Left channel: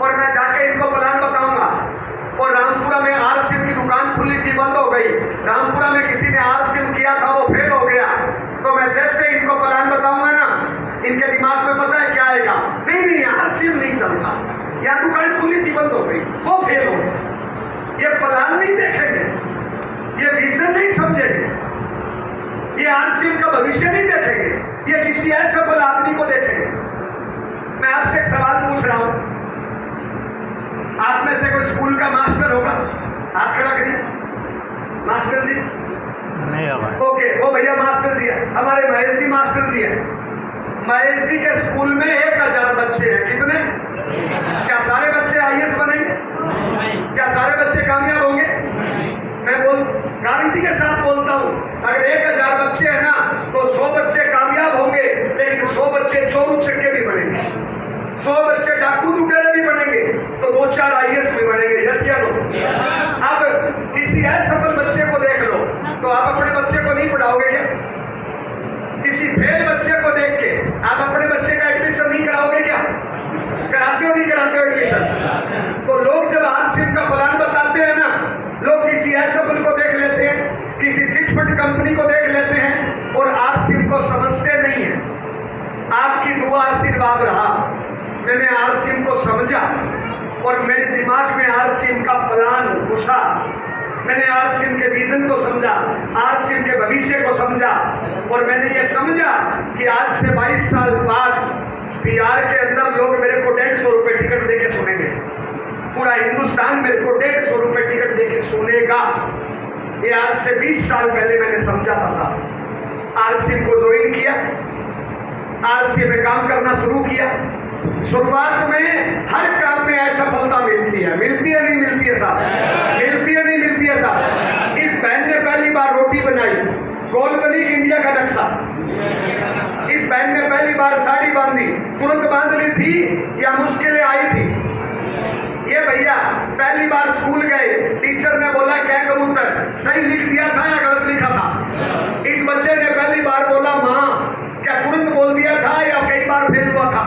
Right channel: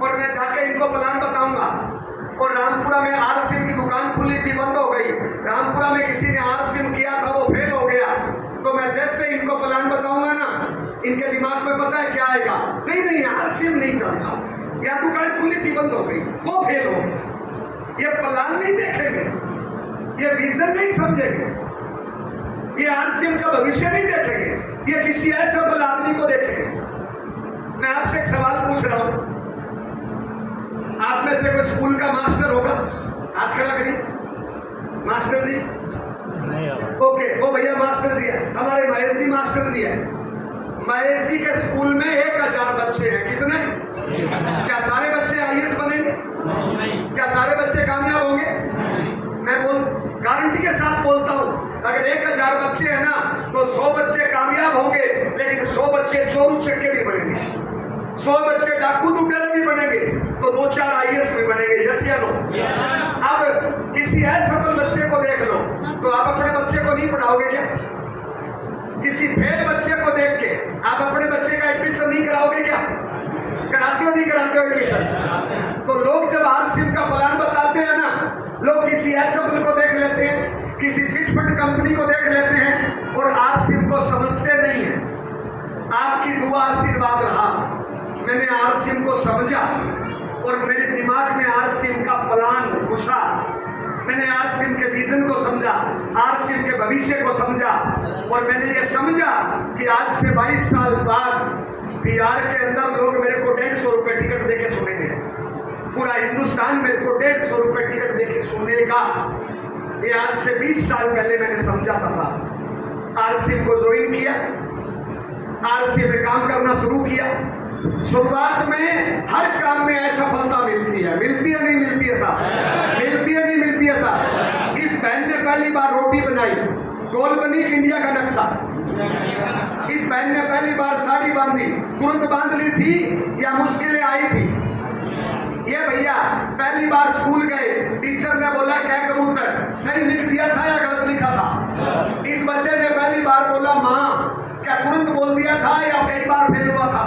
और मैं जाके इनको प्लान बताऊंगा। और रामपुरा में आर सिम की दुकान खुली थी, बंद हो गई। रामपुरा में किसी ने आर सिम किया था, वो फेल हो गया। तो मैं जैसे इनको प्लान बताऊंगा ना, इनके दिमाग में पता है क्या आएगा? नहीं नहीं, आर सिम नहीं चलता, या दुकान खुली थी बंद हो गई, वो फेल हो गया। ये प्लान नहीं देखेंगे, ये विजन नहीं समझेंगे, ये आर सिम का भविष्य नहीं देखेंगे, ये किसी ऐसे सफल आदमी को देखेंगे। मैं आपसे एक सवाल पूछ रहा हूं, आप में से कोई स्कूल का मास्टर होगा? हाथ खड़ा करिए। मास्टर जी नहीं है। ओके, वो भैया मास्टर जी है, हमारे महेश जी मास्टर जी है। महेश जी के स्कूल में 1000 बच्चे हैं। कितने? क्या सारे बच्चे आईएएस बनेंगे? क्या सारे बच्चे कामयाब होंगे? मैं गारंटी के साथ बोलता हूं, अगर 1000 बच्चे हैं ना, तो 100 बच्चे कामयाब होंगे, लेकिन 100 बच्चे चोर उचक्के भी बनेंगे, 100 बच्चे डाकू लुटेरे भी बनेंगे, तो 2-4 आईएएस भी बनेंगे। यस क्या लो? अब किसी असफल बच्चे को देख लो, तो आप अपने बच्चे को नहीं पढ़ाओगे क्या? किसी फेल बच्चे को देख के आप अपने बच्चे का एडमिशन नहीं कराओगे क्या? कराते हो नहीं कराते हो एडमिशन? तो लोग जब आर सिम का प्लान बताते हैं ना, लोग किसी असफल को देख लेते हैं, किसी चिटफंड कंपनी को देख लेते हैं, और आर सिम को समझते नहीं है। आपकी दुआ आशीर्वाद रहा, मैंने आर सिम को समझा और मेरे दिमाग में आर सिम का प्लान घुसा। मैंने आर सिम के विजन को समझा, आर सिम के भविष्य को समझा, और मैंने ये समझा कि आज से 22 साल बाद बिहार के अंदर लोग मेरे को 150 रुपये टिकट देके सुनेंगे। पूरा हिंदुस्तान मेरे को 150 रुपये टिकट देके सुनेगा। ये आज से 20 साल पहले मैंने समझा था साहब। आर सिम को ज्वाइन किया, आर सिम में काम करना शुरू किया। शुरुआत में हर काम में असफलता मिलती है, मिलती है नहीं मिलती है साहब? मिलती है नहीं मिलती है साहब? इस बहन ने पहली बार रोटी बनाई, गोल बनी इंडिया का नक्शा। इस बहन ने पहली बार साड़ी बांधी, तुरंत बांध ली थी या मुश्किलें आई थी? ये भैया पहली बार स्कूल गए, टीचर ने बोला क्या कबूतर सही लिख दिया था या गलत लिखा था? इस बच्चे ने पहली बार बोला माँ, क्या तुरंत बोल दिया था या कई बार फेल हुआ था?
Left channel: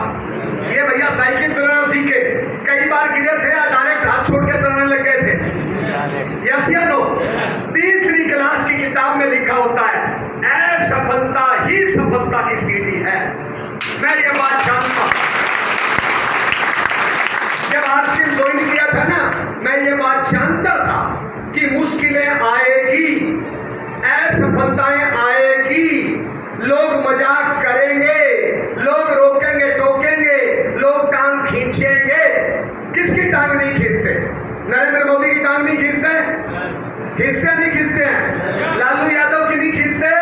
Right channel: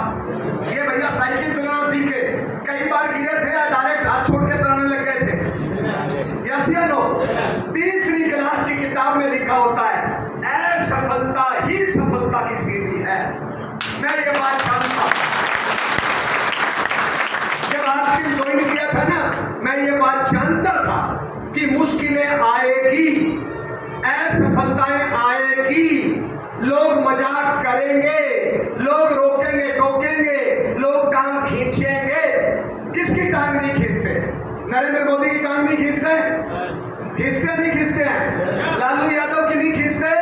ये भैया साइकिल चलाना सीखे, कई बार गिरे थे या डायरेक्ट हाथ छोड़ के चलाने लग गए थे? यस या नो? तीसरी क्लास की किताब में लिखा होता है असफलता ही सफलता की सीढ़ी है। मैं ये बात जानता हूं, जब आर सिम ज्वाइन किया था ना, मैं ये बात जानता था कि मुश्किलें आएगी, असफलताएं आएगी, लोग मजाक करेंगे, लोग रोकेंगे टोकेंगे, लोग टांग खींचेंगे। किसकी टांग नहीं खींचते? नरेंद्र मोदी की टांग नहीं खींचते? खींचते नहीं खींचते हैं? लालू यादव की नहीं खींचते?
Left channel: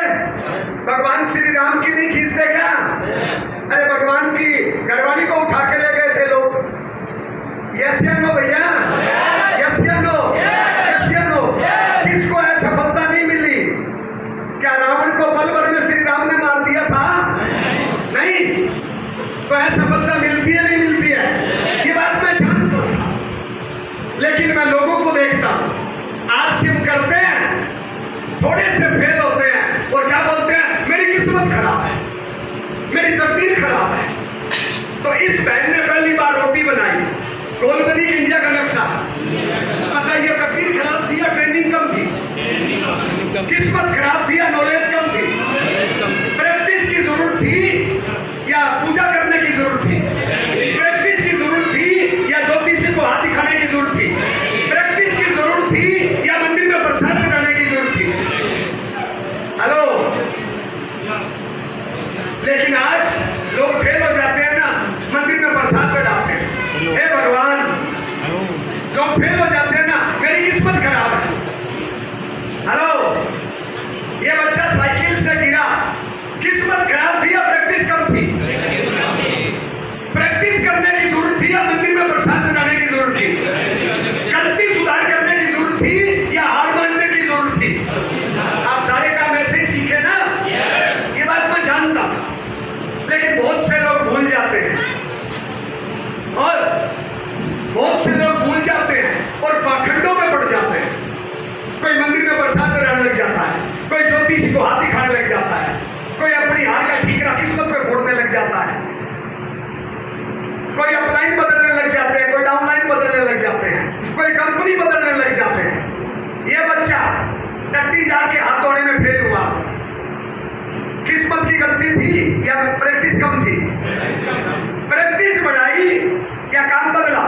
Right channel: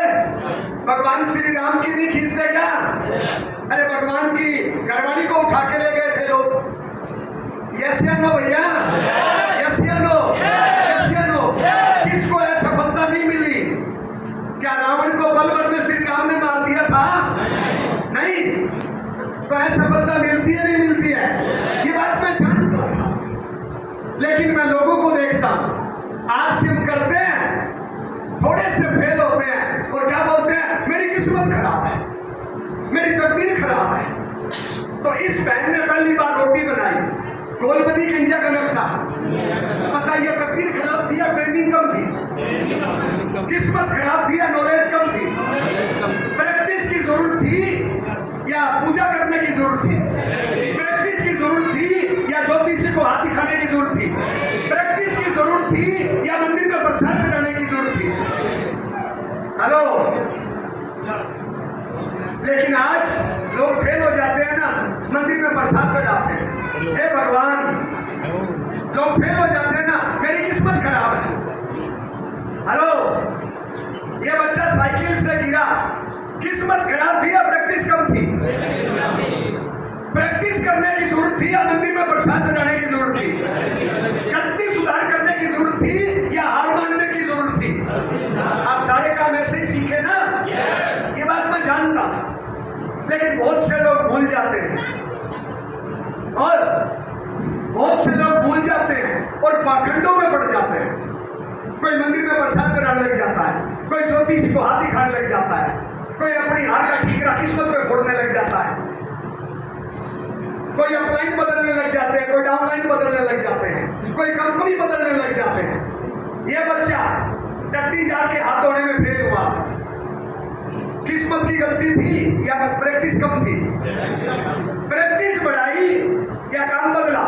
भगवान श्री राम की नहीं खींचते क्या? अरे भगवान की घरवाली को उठा के ले गए थे लोग। यस या नो भैया? यस या नो? यस या नो? किसको असफलता नहीं मिली? क्या रावण को पल भर में श्री राम ने मार दिया था? नहीं। तो असफलता मिलती है नहीं मिलती है? ये बात मैं जानता हूं, लेकिन मैं लोगों को देखता हूं, आर सिम करते हैं, थोड़े से फेल होते हैं और क्या बोलते हैं, मेरी किस्मत खराब है, मेरी तकदीर खराब है। तो इस बहन ने पहली बार रोटी बनाई, गोल बनी इंडिया का नक्शा। बताइए तकदीर खराब थी या ट्रेनिंग कम थी? किस्मत खराब थी या नॉलेज कम थी? प्रैक्टिस की जरूरत थी या पूजा करने की जरूरत थी? प्रैक्टिस की जरूरत थी या ज्योतिषी को हाथ दिखाने की जरूरत थी? प्रैक्टिस की जरूरत थी या मंदिर में प्रसाद चढ़ाने की जरूरत थी? हेलो? लेकिन आज लोग फेल हो जाते हैं ना, मंदिर में प्रसाद चढ़ाते हैं, हे भगवान। लोग फेल हो जाते हैं ना, मेरी किस्मत खराब है। हेलो? ये बच्चा साइकिल से गिरा, किस्मत खराब थी या प्रैक्टिस कम थी? प्रैक्टिस करने की जरूरत थी या मंदिर में प्रसाद चढ़ाने की जरूरत थी? गलती सुधार करने की जरूरत थी या हार मानने की जरूरत थी? आप सारे काम ऐसे ही सीखे ना? ये बात मैं जानता, लेकिन बहुत से लोग भूल जाते हैं, और बहुत से लोग भूल जाते हैं और पाखंडों में पड़ जाते हैं। कोई मंदिर में प्रसाद चढ़ाने लग जाता है, कोई ज्योतिषी को हाथ दिखाने लग जाता है, कोई अपनी हार का ठीकरा किस्मत पे फोड़ने लग जाता है, कोई अपलाइन बदलने लग जाते हैं, कोई डाउन बदलने लग जाते हैं, कोई कंपनी बदलने लग जाते हैं। ये बच्चा टट्टी जार के हाथ धोने में फेल हुआ, किस्मत की गलती थी या प्रैक्टिस कम थी? प्रैक्टिस बढ़ाई या काम बदला?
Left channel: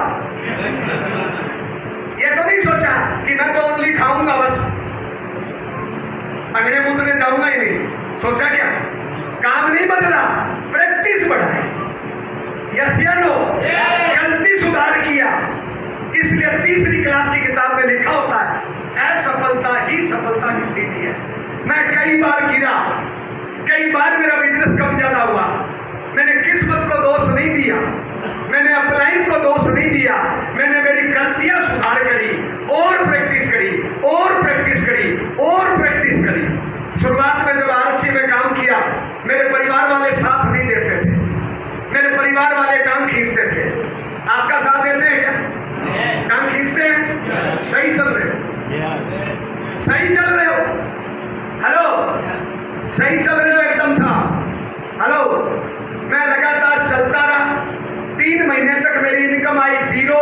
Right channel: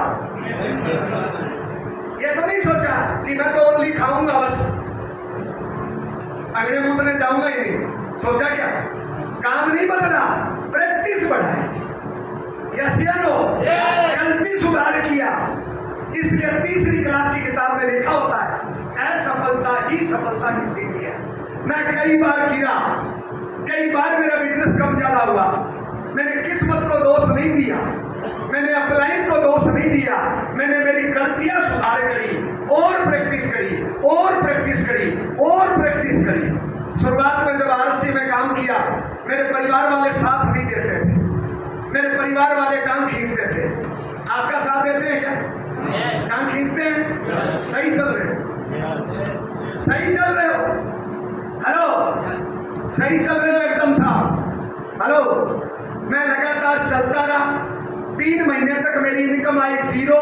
ये तो नहीं सोचा कि मैं तो ओनली खाऊंगा बस, अंगड़े मूत्रने जाऊंगा ही नहीं। सोचा क्या? काम नहीं बदला, प्रैक्टिस बढ़ाई। यस या नो? गलती सुधार किया। इसलिए तीसरी क्लास की किताब में लिखा होता है, असफलता ही सफलता की सीढ़ी है। मैं कई बार गिरा, कई बार मेरा बिजनेस कम ज्यादा हुआ, मैंने किस्मत को दोष नहीं दिया, मैंने अपलाइन को दोष नहीं दिया, मैंने मेरी गलतियां सुधार करी और प्रैक्टिस करी और प्रैक्टिस करी और प्रैक्टिस करी। शुरुआत में जब आरसी में काम किया, मेरे परिवार वाले साथ नहीं देते थे, मेरे परिवार वाले टांग खींचते थे। आपका साथ देते हैं क्या? टांग खींचते हैं? सही चल रहे हो? सही चल रहे हो? हेलो, सही चल रहे हो एकदम साफ? हेलो, मैं लगातार चलता रहा। 3 महीने तक मेरी इनकम आई 0,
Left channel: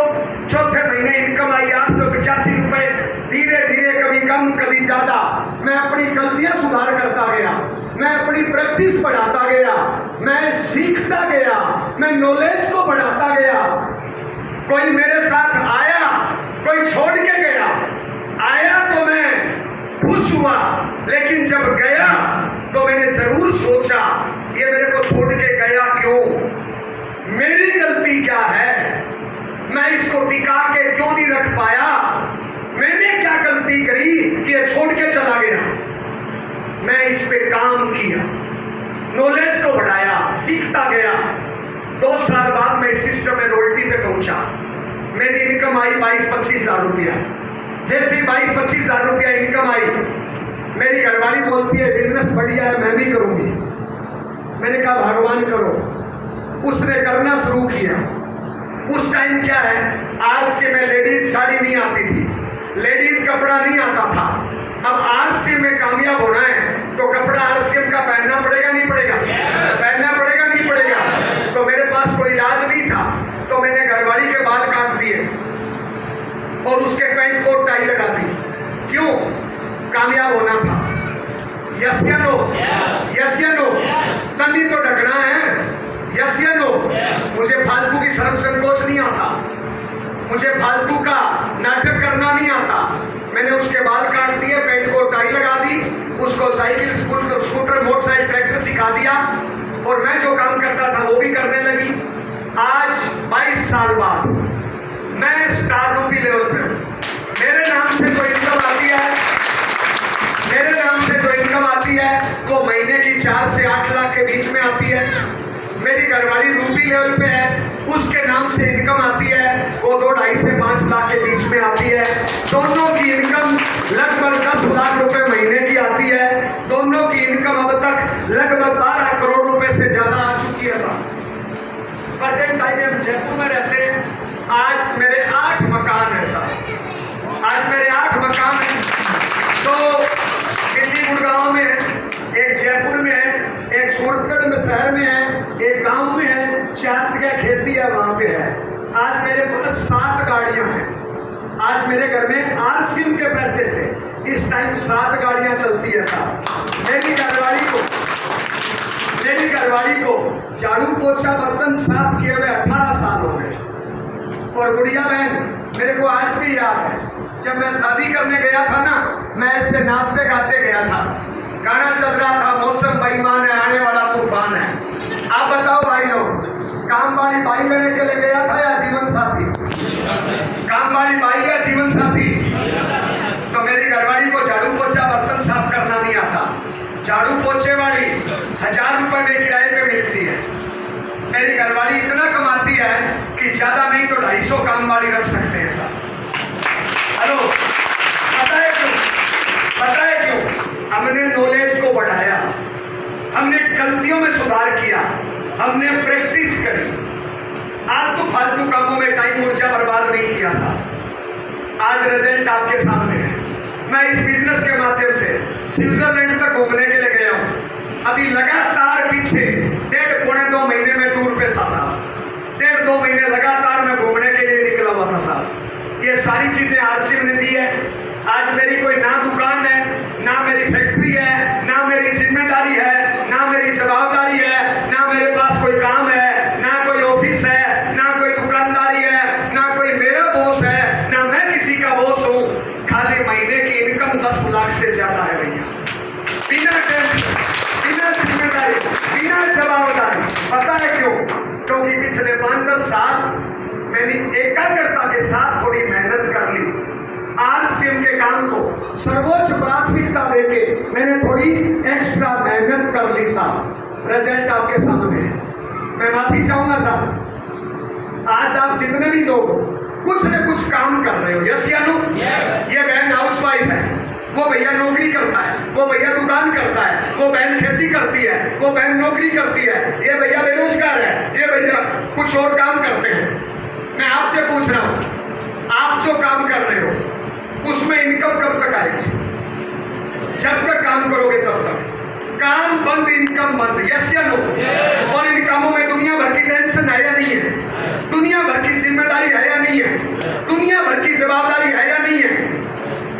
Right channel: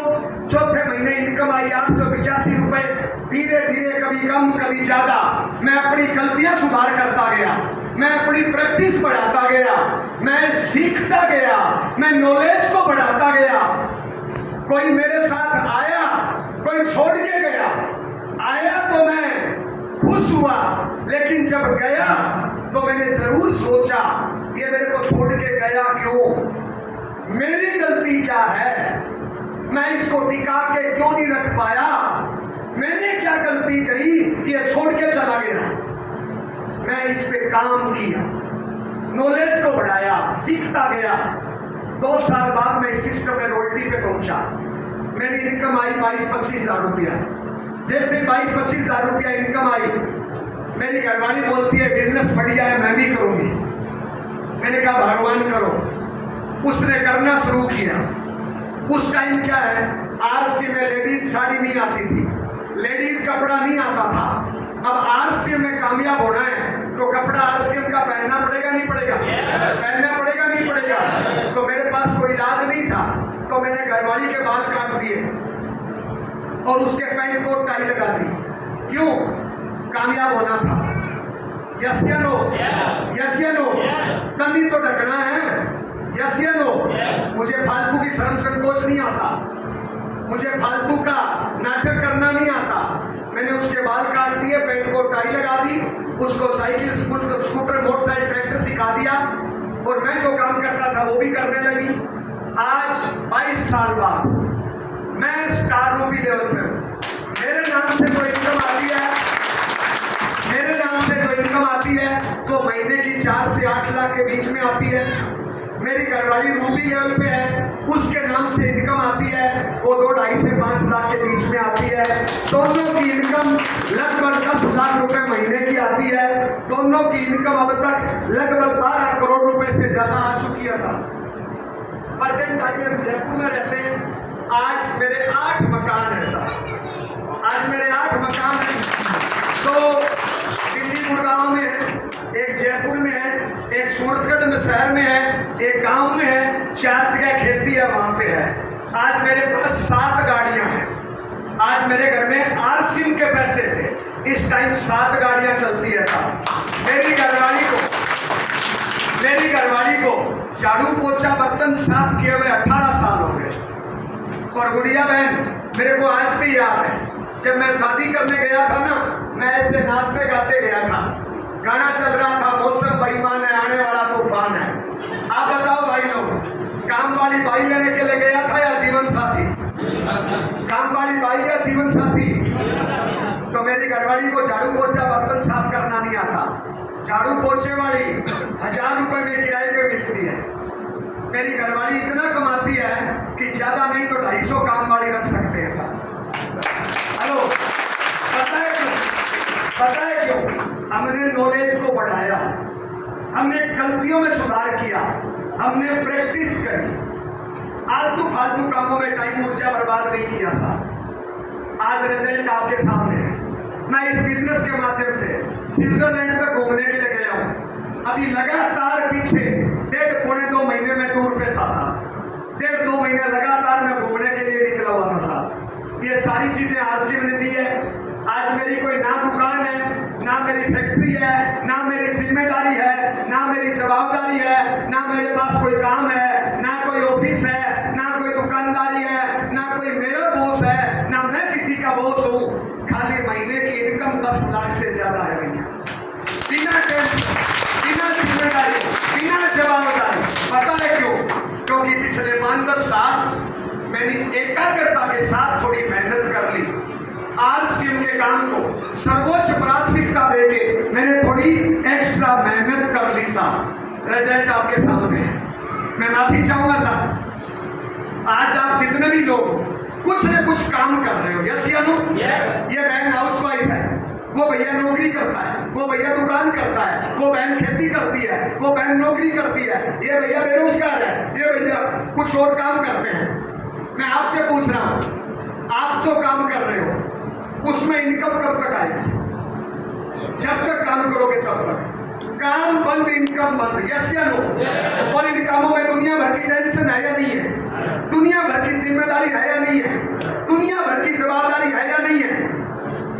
चौथे महीने इनकम आई 885 रुपए। धीरे धीरे कभी कम कभी ज्यादा मैं अपनी गलतियां सुधार करता गया, मैं अपनी प्रैक्टिस बढ़ाता गया, मैं सीखता गया, मैं नॉलेज को बढ़ाता गया। कोई मेरे साथ आया, कोई छोड़ के गया। आया तो मैं खुश हुआ, लेकिन जब गया तो मैंने जरूर सोचा ये मेरे को छोड़ के गया क्यों, मेरी गलती क्या है, मैं इसको टिका के क्यों नहीं रख पाया, मैंने क्या गलती करी कि ये छोड़ के चला गया। मैं इस पे काम किया, नॉलेज को बढ़ाया, सीखता गया। 2 साल बाद मैं इस सिस्टम में रॉयल्टी पे पहुंचा। मेरी इनकम आई 22-25 हजार रुपया। जैसे 22-25 हजार रुपया इनकम आई, मेरी घरवाली बोलती है बिजनेस बढ़िया है, मैं भी करूंगी। मैंने कहा भगवान करो। उसने करना शुरू किया। उस टाइम क्या है, आरसी में लेडीज साड़ी नहीं आती थी, लेडीज कपड़ा नहीं आता था। अब आरसी में कामयाब होना है तो कपड़ा आरसी का पहनना पड़ेगा नहीं पड़ेगा? पहनना पड़ेगा नहीं पड़ेगा? तो मेरे पास कोई इलाज नहीं था, तो मैंने घरवाली के बाल काट दिए और उसके पैंट को टाई लगा दी। क्यों? कामयाब होना था। यस या नो? यस या नो? तभी तो ढकना है। यस या नो? मुझे फालतू की शर्म संकोच नहीं आता, मुझे फालतू का नाटक करना नहीं आता। मैंने उसके बाल काट दिए, पेट को टाई लगा दी, उसको साइकिल, स्कूटर, मोटरसाइकिल, ट्रैक्टर सिखा दिया और मैं जो काम करता था वो भी करने लगी। आज 22 साल बाद मैं स्टार रूपी लेवल पे हूं। मेरे नाम से जो इनकम आती है, मेरे नाम से जो इनकम आती है वो महीने की 4 से 8 लाख के बीच में आती है। मेरी घरवाली रूबी लेवल पे है, उसके नाम से इनकम आती है वो 2-2.5 से 5 लाख के बीच में आती है। दोनों की इनकम लगभग 10 लाख रुपए महीने की आती है। दोनों की इनकम अब तक लगभग 12 करोड़ रुपए से ज्यादा आ चुकी है साहब। प्रेजेंट टाइम में जयपुर में रहते हैं। आज मेरे 8 मकान है साहब, आज मेरे 8 मकान हैं। तो दिल्ली गुड़गांव में है, एक जयपुर में है, एक सूरतगढ़ में शहर में है, एक गांव में है, 4 जगह खेती है वहां पे है। आज मेरे पास 7 गाड़ियां हैं। आज मेरे घर में आरसीएम के पैसे से इस टाइम 7 गाड़ियां चलती है साहब। मेरी घरवाली को झाड़ू पोछा बर्तन साफ किए हुए 18 साल हो गए। और गुड़िया बहन मेरे को आज भी याद है, जब मैं शादी करने गया था ना, मैं ऐसे नाचते गाते गया था, गाना चल रहा था, मौसम बेईमान है, आने वाला तूफान है। आप बताओ भाई लोग, काम वाली बाई लेने के लिए गया था या जीवन साथी? काम वाली बाई या जीवन साथी? तो मेरी घरवाली को झाड़ू पोछा बर्तन साफ करना नहीं आता। झाड़ू पोछे वाली 1000 रुपए में किराए पे मिलती है। मेरी घरवाली इतना कमाती है कि ज्यादा नहीं तो 250 काम वाली रख सकते हैं साहब। हेलो, पता है क्यों? पता है क्यों? हमने नॉलेज को बढ़ाया, हमने गलतियों में सुधार किया, हमने प्रैक्टिस करी, आलतू फालतू कामों में टाइम ऊर्जा बर्बाद नहीं किया साहब। आज रिजल्ट आपके सामने है। मैं इस बिजनेस के माध्यम से स्विट्जरलैंड तक घूमने के लिए गया हूँ। अभी लगातार पीछे 1.5-2 महीने में टूर पे था साहब। 1.5-2 महीने लगातार मैं घूमने के लिए निकला हुआ था साहब। सारी चीजें आरसीएम ने दी है। आज मेरी कोई ना दुकान है, ना मेरी फैक्ट्री है, ना मेरी जिम्मेदारी है, ना मेरी जवाबदारी है, ना मेरे पास कोई काम है, ना कोई ऑफिस है, ना कोई दुकानदारी है, ना कोई मेरा बॉस है, ना मैं किसी का बॉस हूँ। खाली महीने की इनकम 10 लाख से ज्यादा है भैया, बिना टेंशन, बिना जिम्मेदारी, बिना जवाबदारी। पता है क्यों? क्योंकि पिछले 5-10 साल मैंने एकाग्रता के साथ थोड़ी मेहनत कर ली। आरसीएम के काम को सर्वोच्च प्राथमिकता देके मैंने थोड़ी एक्स्ट्रा मेहनत कर ली साहब। रिजल्ट आपके सामने है। मैं माफी चाहूंगा साहब, आज आप जितने भी लोग कुछ न कुछ काम कर रहे हो, यस या नो? ये बहन हाउसवाइफ है, वो भैया नौकरी करता है, वो भैया दुकान करता है, वो बहन खेती करती है, वो बहन नौकरी करती है, ये भैया बेरोजगार है, ये भैया कुछ और काम करते हैं। मैं आपसे पूछ रहा हूं, आप जो काम कर रहे हो उसमें इनकम कब तक आएगी? जब तक काम करोगे तब तक। काम बंद, इनकम बंद, यस या नो? और इन कामों में दुनिया भर की टेंशन है या नहीं है? दुनिया भर की जिम्मेदारी है या नहीं है? दुनिया भर की जवाबदारी है या नहीं है?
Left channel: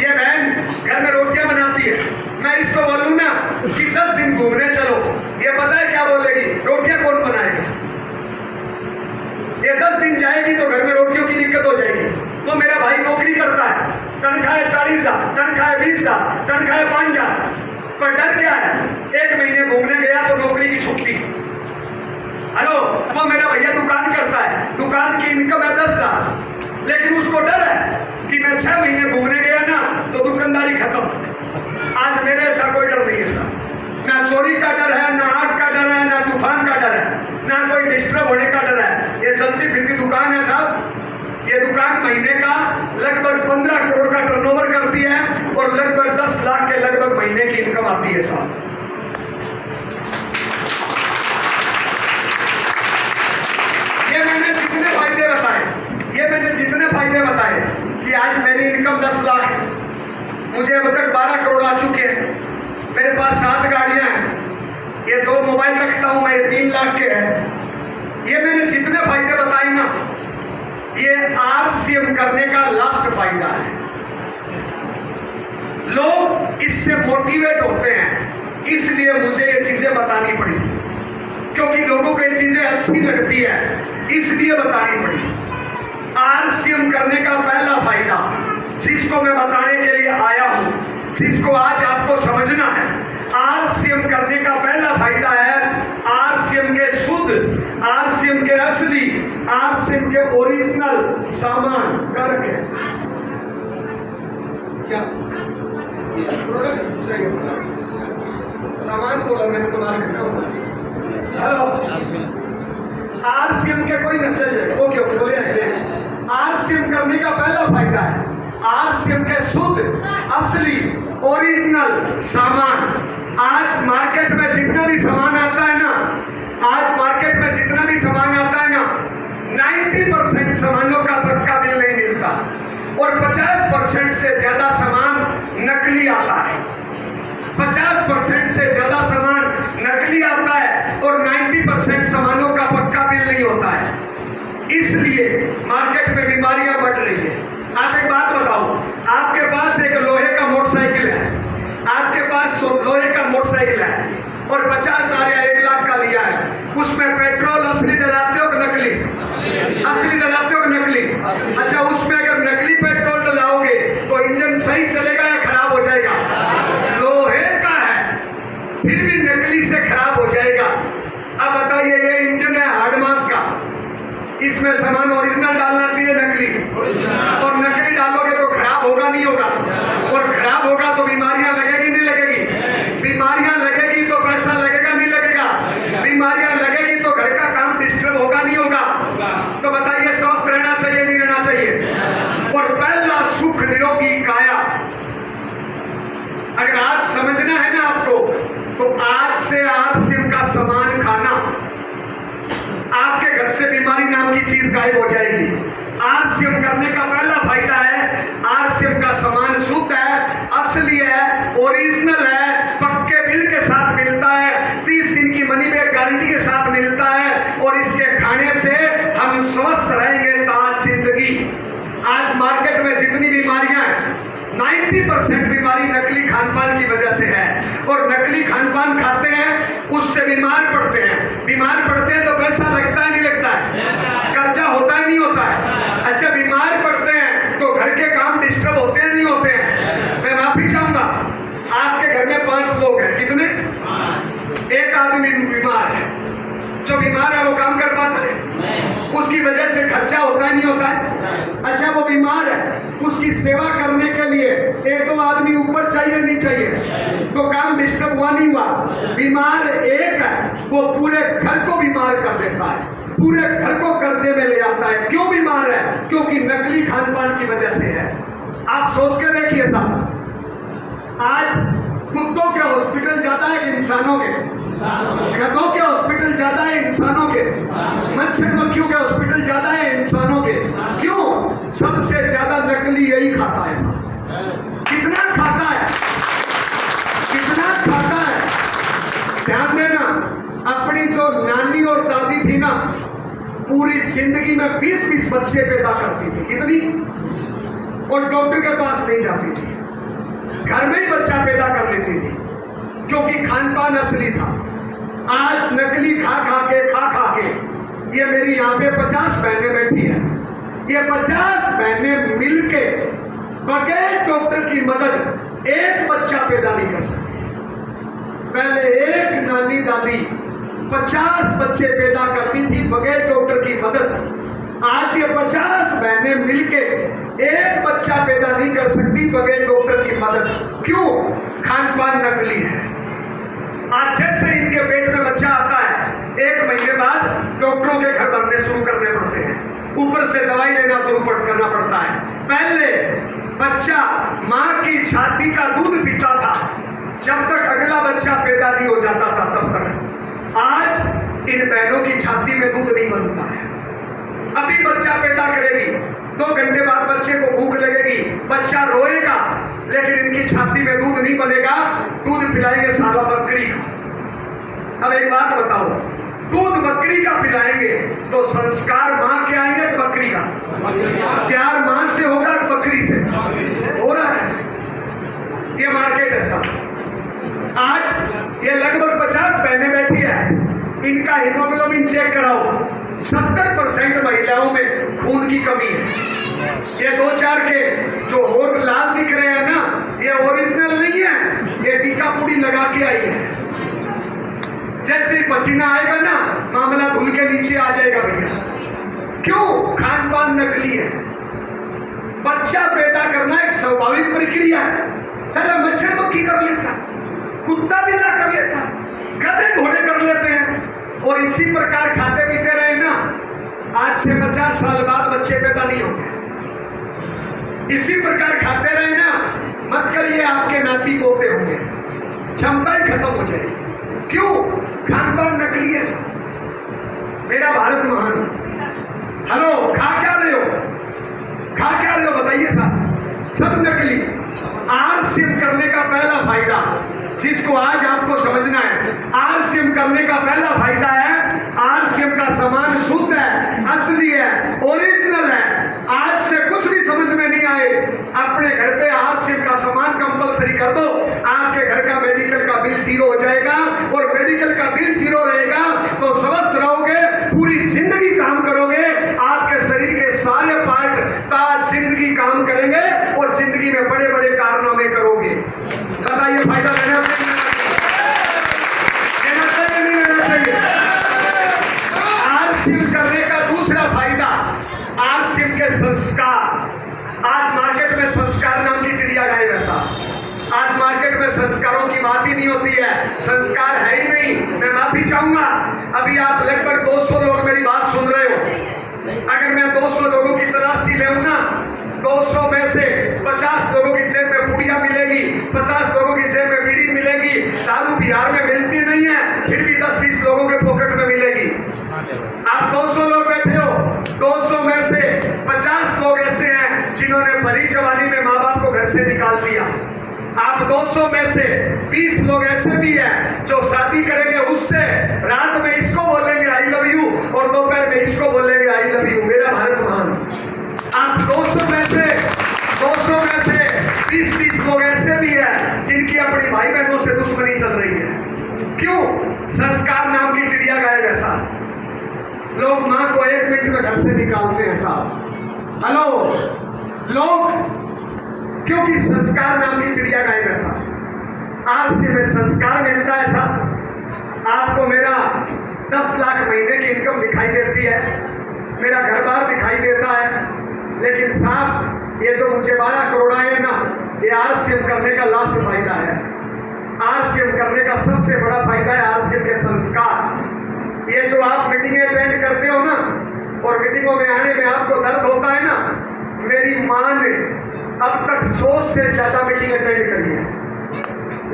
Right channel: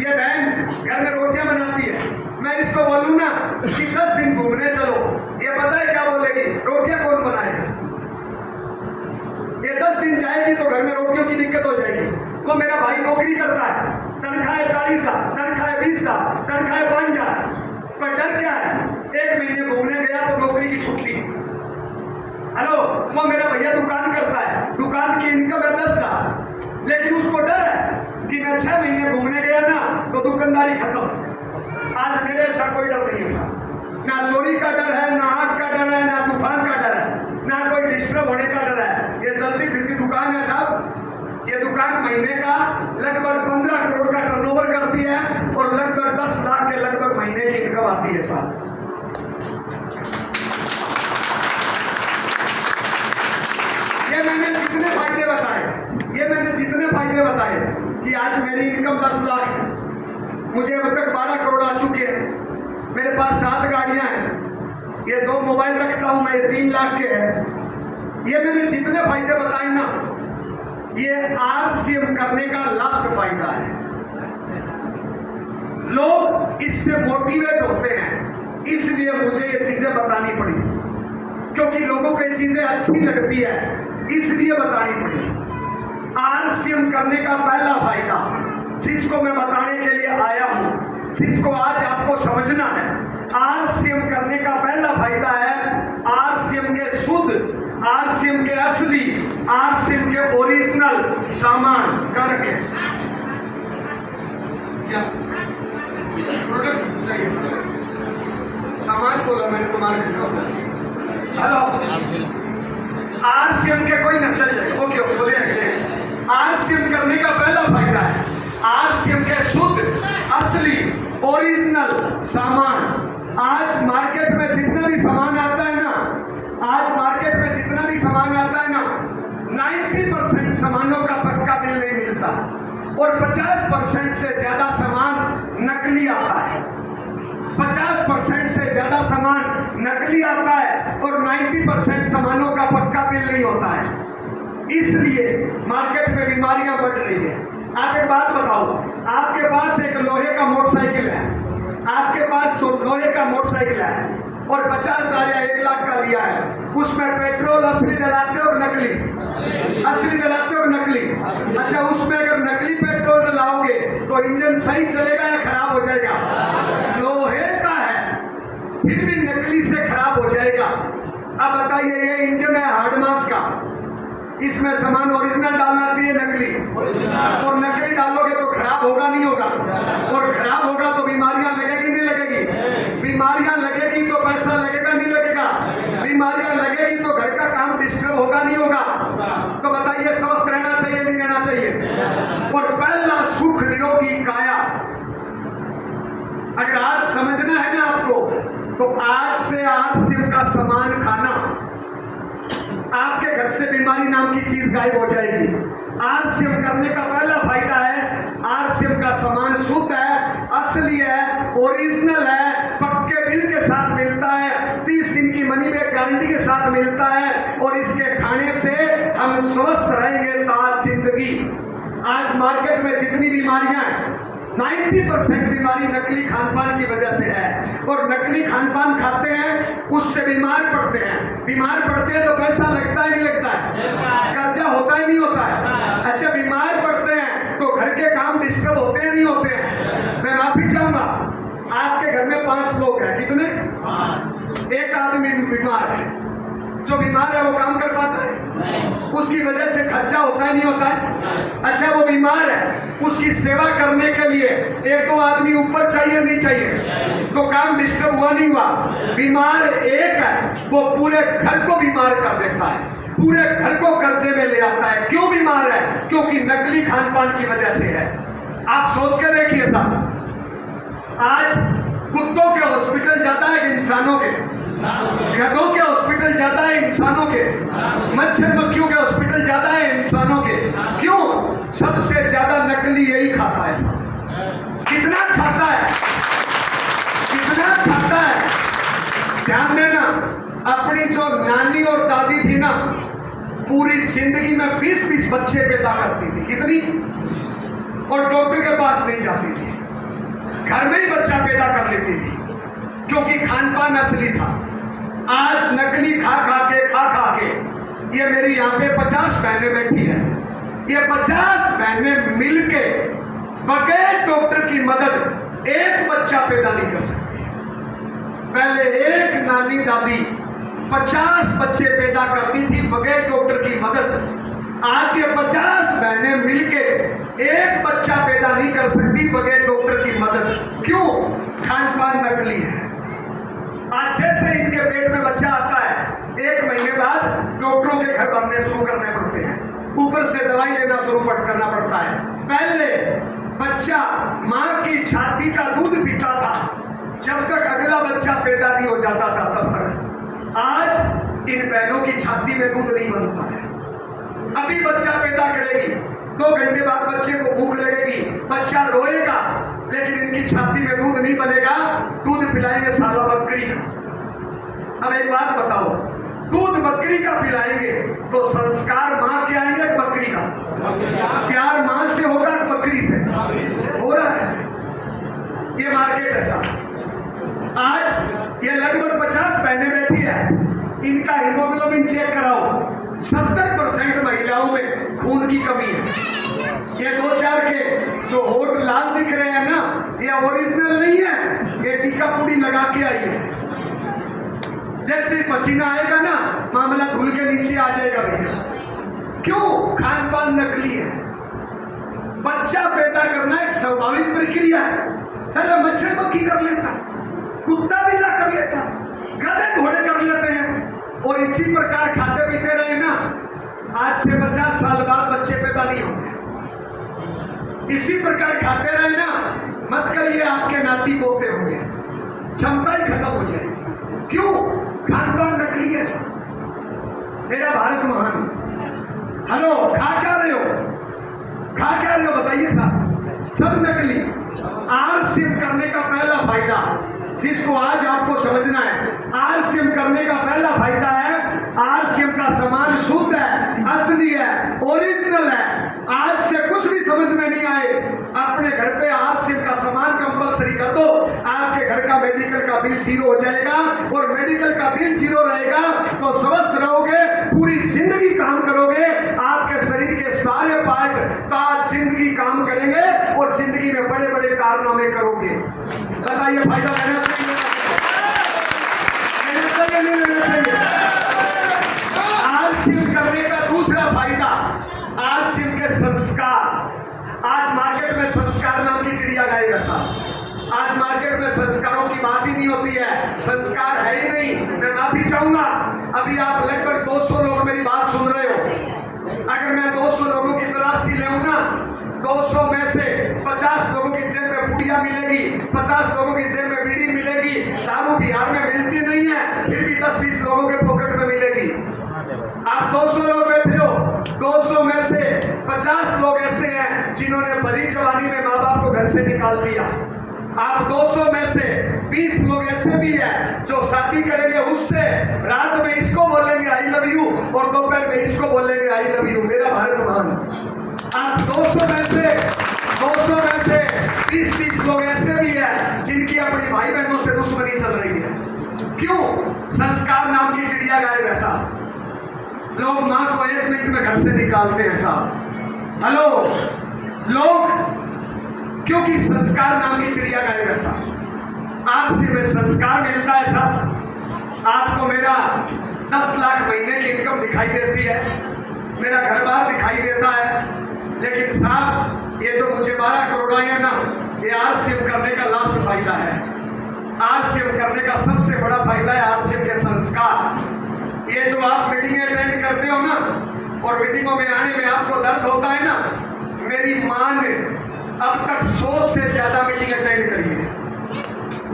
ये बहन घर में रोटियां बनाती है, मैं इसको बोलूं ना कि 10 दिन घूमने चलो, ये पता है क्या बोलेगी? रोटियां कौन बनाएगा? ये 10 दिन जाएगी तो घर में रोटियों की दिक्कत हो जाएगी। तो मेरा भाई नौकरी करता है, तनख्वाह है 40,000, तनख्वाह है 20,000, तनख्वाह है 5,000, पर डर क्या है? 1 महीने घूमने गया तो नौकरी की छुट्टी। हेलो, वो मेरा भैया दुकान करता है, दुकान की इनकम है 10,000, लेकिन उसको डर है कि मैं 6 महीने घूमने गया ना तो दुकानदारी खत्म। आज मेरे ऐसा कोई डर नहीं है साहब, ना चोरी का डर है, ना आग का डर है, ना तूफान का डर है, ना कोई डिस्टर्ब होने का डर है। ये चलती फिरती दुकान है साहब। ये दुकान महीने का लगभग 15 करोड़ का टर्नओवर करती है और लगभग 10 लाख के लगभग महीने की इनकम आती है साहब। ये मैंने जितने फायदे बताए कि आज मेरी इनकम 10 लाख है, मुझे अब तक 12 करोड़ आ चुके हैं, मेरे पास 7 गाड़ियां हैं, ये 2 मोबाइल रखता हूं मैं, 3 लाख के हैं। ये मैंने जितने फायदे बताए ना, ये आरसीएम करने का लास्ट फायदा है। लोग इससे मोटिवेट होते हैं, इसलिए मुझे ये चीजें बतानी पड़ी, क्योंकि लोगों को ये चीजें अच्छी लगती है, इसलिए बतानी पड़ी। आरसीएम करने का पहला फायदा जिसको मैं बताने के लिए आया हूं, जिसको आज आपको समझना है, आरसीएम करने का पहला फायदा है आरसीएम के शुद्ध, आरसीएम के असली, आरसीएम के ओरिजिनल सामान करके क्या प्रोडक्ट चाहिए, सामान बोला मैंने तुम्हारे। हेलो, आरसीएम के कोई न चल जाएगा, ओके ओके बोले। आरसीएम करने का पहला फायदा है आरसीएम के शुद्ध, असली, ओरिजिनल सामान। आज मार्केट में जितना भी सामान आता है ना, आज मार्केट में जितना भी सामान आता है ना, 90% सामानों का पक्का बिल नहीं मिलता और 50% से ज्यादा सामान नकली आता है। 50% से ज्यादा सामान नकली आता है और 90% सामानों का पक्का बिल नहीं होता है। इसलिए मार्केट में बीमारियां बढ़ रही है। आप एक बात बताओ, आपके पास एक लोहे का मोटरसाइकिल है, आपके पास लोहे का मोटरसाइकिल है और 50,000 या 1 लाख का लिया है, उसमें पेट्रोल असली डलाते हो कि नकली? असली डलाते हो कि नकली? अच्छा, उसमें अगर नकली पेट्रोल डलाओगे तो इंजन सही चलेगा या खराब हो जाएगा? लोहे का है फिर भी नकली से खराब हो जाएगा। अब बताइए, ये इंजन है हार्ड मास का, इसमें सामान ओरिजिनल डालना चाहिए नकली, और नकली डालोगे तो खराब होगा नहीं होगा, और खराब होगा तो बीमारियां लगेगी नहीं लगेगी? बीमारियां लगेगी तो पैसा लगेगा नहीं लगेगा? बीमारियां लगेगी तो घर का काम डिस्टर्ब होगा नहीं होगा? तो बताइए, स्वस्थ रहना चाहिए नहीं रहना चाहिए? और पहला सुख निरोगी काया, अगर आज समझना है ना आपको, तो आज से आरसीएम का सामान खाना, आपके घर से बीमारी नाम की चीज गायब हो जाएगी। आरसीएम करने का पहला फायदा है, आरसीएम का सामान शुद्ध है, असली है, ओरिजिनल है, पक्के बिल के साथ मिलता है, 30 दिन की मनी बैक गारंटी के साथ मिलता है, और इसके खाने से हम स्वस्थ रहेंगे ताज जिंदगी। आज मार्केट में जितनी बीमारियां हैं 90% बीमारी नकली खान-पान की वजह से है। और नकली खान-पान खाते हैं उससे बीमार पड़ते हैं। बीमार पड़ते हैं तो पैसा लगता है नहीं लगता है, कर्जा होता ही नहीं होता है। अच्छा, बीमार पड़ते हैं तो घर के काम डिस्टर्ब होते हैं नहीं होते हैं। मैं माफी चाहूंगा, आपके घर में 5 लोग हैं, कितने? एक आदमी बीमार है। जो बीमार है वो काम कर पाता है? उसकी वजह से खर्चा होता है नहीं होता है? अच्छा, वो बीमार है, उसकी सेवा करने के लिए 1-2 आदमी ऊपर चाहिए नहीं चाहिए? तो काम डिस्टर्ब हुआ नहीं हुआ? बीमार एक है, वो पूरे घर को बीमार कर देता है, पूरे घर को कर्जे में ले आता है। क्यों बीमार है? क्योंकि नकली खान-पान की वजह से है। आप सोच के देखिए साहब, आज कुत्तों के हॉस्पिटल ज्यादा है इंसानों के, गधों के हॉस्पिटल ज्यादा है इंसानों के, मच्छर मक्खियों के हॉस्पिटल ज्यादा है इंसानों के। क्यों? सबसे ज्यादा नकली यही खाता है साहब। कितना खाता है, कितना खाता है? ध्यान देना, अपनी जो नानी और दादी थी ना, पूरी जिंदगी में 20-20 बच्चे पैदा करती थी। कितनी? और डॉक्टर के पास नहीं जाती थी, घर में ही बच्चा पैदा कर लेती थी, क्योंकि खान-पान असली था। आज नकली खा खा के ये मेरी यहाँ पे 50 बहनें बैठी है। ये 50 बहनें मिलके बगैर डॉक्टर की मदद एक बच्चा पैदा नहीं कर सकती। पहले एक नानी दादी 50 बच्चे पैदा करती थी बगैर डॉक्टर की मदद। आज ये 50 बहनें मिलके एक बच्चा पैदा नहीं कर सकती बगैर डॉक्टर की मदद। क्यों? खान-पान नकली है। आज जैसे इनके पेट में बच्चा आता है, 1 महीने बाद डॉक्टरों के घर बनने शुरू करने पड़ते हैं, ऊपर से दवाई लेना शुरू करना पड़ता है। पहले बच्चा माँ की छाती का दूध पीता था जब तक अगला बच्चा पैदा नहीं हो जाता था तब तक। आज इन बहनों की छाती में दूध नहीं बनता है। अभी बच्चा पैदा करेगी, 2 घंटे बाद बच्चे को भूख लगेगी, बच्चा रोएगा, लेकिन इनकी छाती में दूध नहीं बनेगा। दूध पिलाएंगे साला बकरी का। अब एक बात बताओ, दूध बकरी का पिलाएंगे तो संस्कार माँ के आएंगे बकरी का? प्यार माँ से होगा बकरी से? हो रहा है। ये मार्केट है साहब। आज ये लगभग 50 बहनें बैठी है, इनका हीमोग्लोबिन चेक कराओ, 70% महिलाओं में खून की कमी है। ये 2-4 के जो होठ लाल दिख रहे हैं ना, ये ओरिजिनल नहीं है, ये टीका पूरी लगा के आई है। जैसे पसीना आएगा ना, मामला धुल के नीचे आ जाएगा भैया। क्यों? खान-पान नकली है। बच्चा पैदा करना एक स्वाभाविक प्रक्रिया है। साला मच्छर मक्खी कर लेता है, कुत्ता बिल्ला कर लेता है, गधे घोड़े कर लेते हैं, और इसी प्रकार खाते पीते रहे ना, आज से 50 साल बाद बच्चे पैदा नहीं होंगे। इसी प्रकार खाते रहे ना, मत करिए आपके नाती पोते होंगे, क्षमता ही खत्म हो जाएगी। क्यों? खान-पान नकली है साहब। मेरा भारत महान। हेलो, खा क्या रहे हो? खा क्या रहे हो बताइए साहब? सब नकली। आरसीएम करने का पहला फायदा, जिसको आज आपको समझना है, आरसीएम करने का पहला फायदा है, आरसीएम का सामान शुद्ध है, असली है, ओरिजिनल है। आज से कुछ भी समझ में नहीं आए, अपने घर पे आरसीएम का सामान कंपलसरी कर दो, आपके घर का मेडिकल का बिल 0 हो जाएगा। और मेडिकल का बिल 0 रहेगा तो स्वस्थ रहोगे, पूरी जिंदगी काम करोगे, आपके शरीर के सारे पार्ट ताज जिंदगी काम करेंगे और जिंदगी में बड़े बड़े कारनामे करोगे। बताइए फायदा लेना चाहिए नहीं लेना चाहिए? आरसीएम करने का दूसरा फायदा, आरसीएम के संस्कार। आज मार्केट में संस्कार नाम की चिड़िया गायब है साहब। आज मार्केट में संस्कारों की बात ही नहीं होती है, संस्कार है ही नहीं। मैं माफी चाहूंगा, अभी आप लगभग 200 लोग मेरी बात सुन रहे हो। अगर मैं 200 लोगों की तलाशी लेऊं ना, 200 में से 50 लोगों की जेब में पुड़िया मिलेगी, 50 लोगों की जेब में बीड़ी मिलेगी। दारू बिहार में मिलती नहीं है, फिर भी 10-20 लोगों के पॉकेट में मिलेगी। आप 200 लोग बैठे हो, 200 में से 50 लोग ऐसे हैं जिन्होंने भरी जवानी में माँ बाप को घर से निकाल दिया। आप 200 में से 20 लोग ऐसे भी हैं जो शादी करेंगे, उससे रात में इसको बोलेंगे आई लव यू और दोपहर में इसको बोलेंगे आई लव यू। मेरा भारत महान। आप 200 में अपनी भाई बहनों से दुश्मनी चल रही है। क्यों? संस्कार नाम की चिड़िया गायब है साहब। लोग माँ को 1 मिनट में घर से निकालते हैं साहब। हेलो लोग, क्योंकि संस्कार नाम की चिड़िया गायब है साहब। आरसी में संस्कार मिलता है साहब। आपको मेरा 10 लाख महीने की इनकम दिखाई देती है, मेरा घर बार दिखाई देता है, लेकिन साहब ये जो मुझे 12 करोड़ आए हैं ना, ये आरसीएम करने का लास्ट फायदा है। आरसीएम करने का सबसे बड़ा फायदा है आरसीएम के संस्कार। ये जो आप मीटिंगें अटेंड करते हो ना, और मीटिंगों में आने में आपको दर्द होता है ना, मेरी माँ ने अब तक 100 से ज्यादा मीटिंग अटेंड करी है।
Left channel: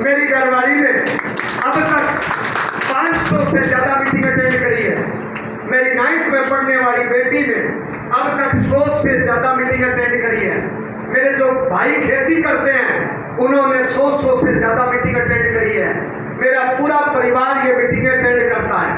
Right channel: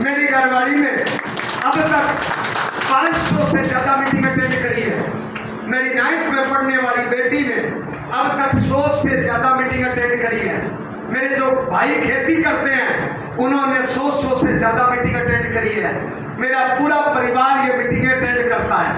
मेरी घरवाली ने अब तक 500 से ज्यादा मीटिंग अटेंड करी है। मेरी 9th में पढ़ने वाली बेटी ने अब तक 100 से ज्यादा मीटिंग अटेंड करी है। मेरे जो भाई खेती करते हैं उन्होंने 100 से ज्यादा मीटिंग अटेंड करी है। मेरा पूरा परिवार ये मीटिंग अटेंड करता है।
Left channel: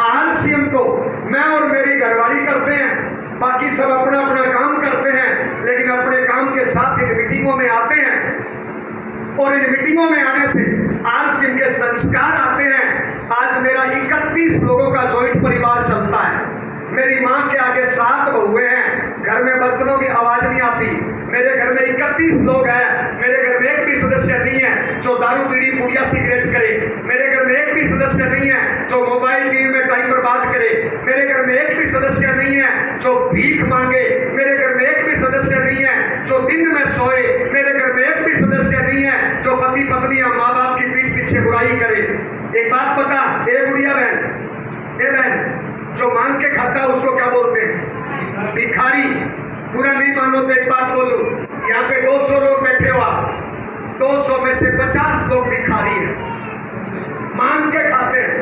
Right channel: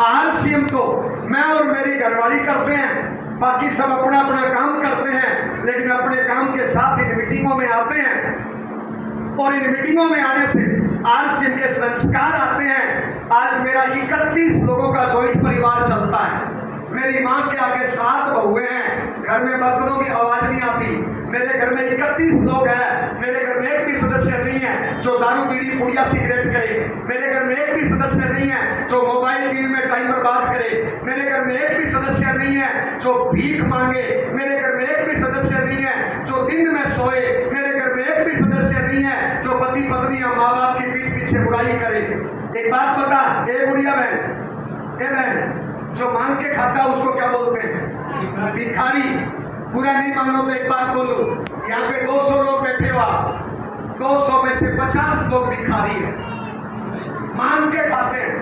आरसीएम तो मैं और मेरी घरवाली करते हैं, बाकी सब अपना अपना काम करते हैं, लेकिन अपने काम के साथ इन मीटिंगों में आते हैं और इन मीटिंगों में आने से आरसीएम के संस्कार आते हैं। आज मेरा 31 लोगों का जॉइंट परिवार चलता है। मेरी माँ के आगे 7 बहुएं हैं, घर में बर्तनों की आवाज नहीं आती। मेरे घर में 31 लोग हैं, मेरे घर में एक भी सदस्य नहीं है जो दारू बीड़ी पुड़िया सिगरेट करे। मेरे घर में एक भी सदस्य नहीं है जो मोबाइल टीवी में टाइम बर्बाद करे। मेरे घर में एक भी सदस्य नहीं है जो भीख मांगे। मेरे घर में एक भी सदस्य नहीं है जो दिन में सोए। मेरे घर में एक भी सदस्य नहीं है जो पति पत्नी और माँ बाप की पीठ पीछे बुराई करे। एक बात पता, ए बुढ़िया बहन, ए बहन, जो मांग के खाता है उसको क्या बोलते हैं? भिखारी। पूरा नहीं मानो तो एक बात बोलूं, यहाँ पे 200 लोग बैठे हुआ, 200 में से 50 लोग भिखारी हैं, मांग के खाते हैं।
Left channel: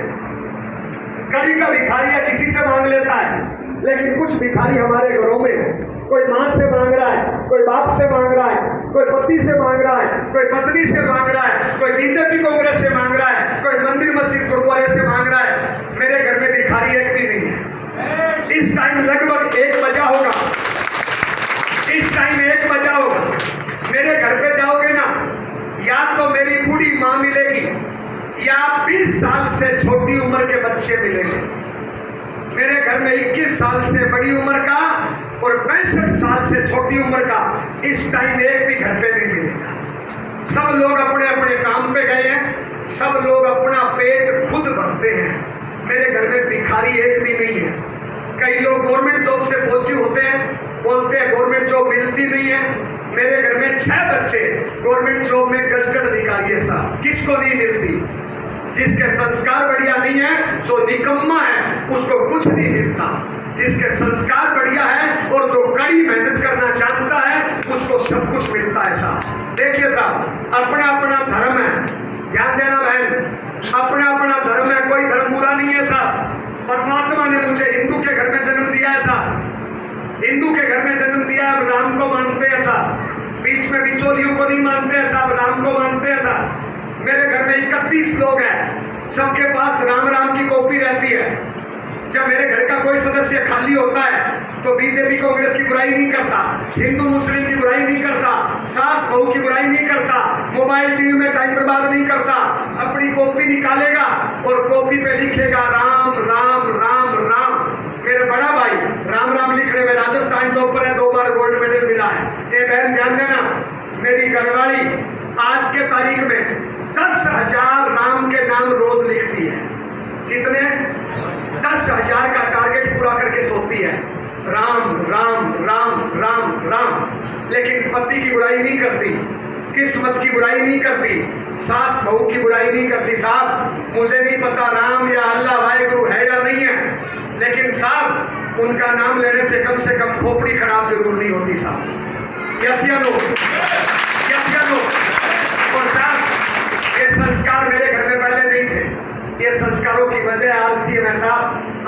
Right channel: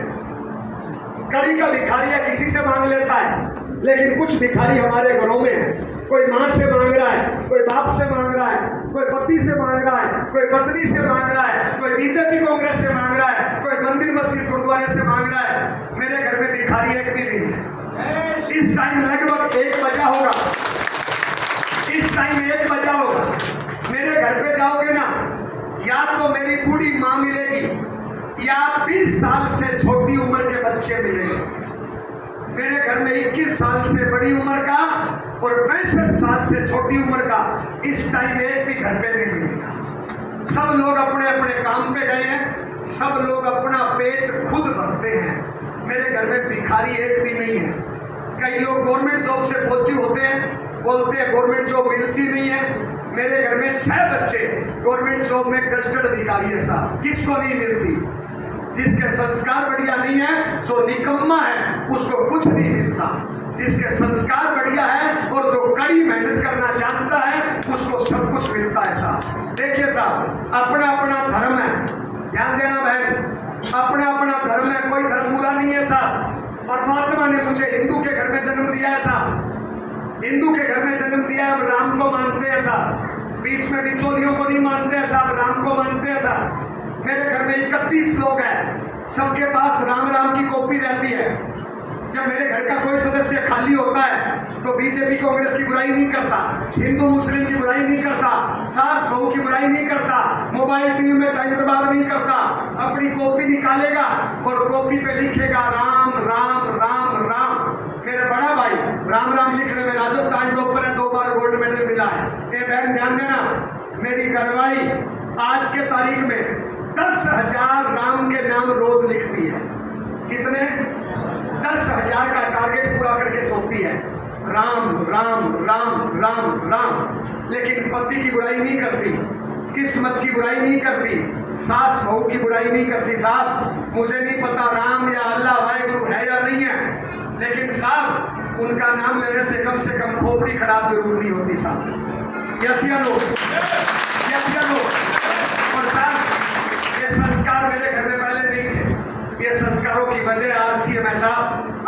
कड़ी का भिखारी है, किसी से मांग लेता है, लेकिन कुछ भिखारी हमारे घरों में है। कोई माँ से मांग रहा है, कोई बाप से मांग रहा है, कोई पति से मांग रहा है, कोई पत्नी से मांग रहा है, कोई बीजेपी कांग्रेस से मांग रहा है, कोई मंदिर मस्जिद गुरुद्वारे से मांग रहा है। मेरे घर में भिखारी एक भी नहीं है। इस टाइम लगभग 1 बजा होगा, इस टाइम 1 बजा होगा। मेरे घर पे जाओगे ना, या तो मेरी बूढ़ी माँ मिलेगी या 20 साल से छोटी उम्र के बच्चे मिलेंगे। मेरे घर में 21 साल से बड़ी उम्र का और 65 साल से छोटी उम्र का इस टाइम एक भी घर पे नहीं मिलेगा। सब लोग अपने अपने काम पे गए हैं, सब लोग अपना पेट खुद भरते हैं। मेरे घर में भिखारी एक भी नहीं है। कई लोग गवर्नमेंट जॉब से पॉजिटिव होते हैं, बोलते हैं गवर्नमेंट जॉब मिलती नहीं है। मेरे घर में 6 बच्चे गवर्नमेंट जॉब में गजटेड अधिकारी है साहब, किसको नहीं मिलती? जिसके संस्कार बढ़िया नहीं है, जो निकम्मा है, उसको कुछ नहीं मिलता। जिसके संस्कार बढ़िया है और जो कड़ी मेहनत करना चाहता है, उसको सब कुछ मिलता है साहब। देखिए साहब, अपना अपना धर्म है, ध्यान देना बहन, अपना अपना धर्म है, कोई धर्म बुरा नहीं है साहब। परमात्मा ने मुझे हिंदू के घर में जन्म दिया है साहब, हिंदू के घर में जन्म दिया है, राम को मानते हैं साहब। बीच में बिचौलियों को नहीं मानते हैं साहब, राम को मानते हैं साहब। मेरे घर में 31 लोग हैं, सबके पास राम राम की कॉपी रहती है। जब मेरे घर का कोई सदस्य खाली होता है तो बीजेपी कांग्रेस की बुराई नहीं करता, हिंदू मुस्लिम की बुराई नहीं करता, सास बहू की बुराई नहीं करता, मोबाइल टीवी में टाइम बर्बाद नहीं करता। अपनी कॉपी निकालेगा और कॉपी पे लिखेगा राम राम राम राम। मेरा बड़ा भाई राम राम लिखने में राजस्थान टॉपर है, 2 बार गोल्ड मेडल मिला है। ये बहन ध्यान देना, मेरी घरवाली आज के तारीख में 10,000 राम के नाम रोज लिखती है। कितने? 10,000 का टारगेट पूरा करके सोती है, राम राम राम राम राम। लेकिन पति की बुराई नहीं करती, किस्मत की बुराई नहीं करती, सास बहू की बुराई नहीं करती। साहब मुझे नहीं पता राम या अल्लाह वाहेगुरु है या नहीं है, लेकिन साहब उनका नाम लेने से कम खोपड़ी खराब जरूर नहीं होती साहब। यस या नो? यस या नो? और साहब ये संस्कार मेरे घर में पहले नहीं थे, ये संस्कारों की वजह आरसीएम है साहब।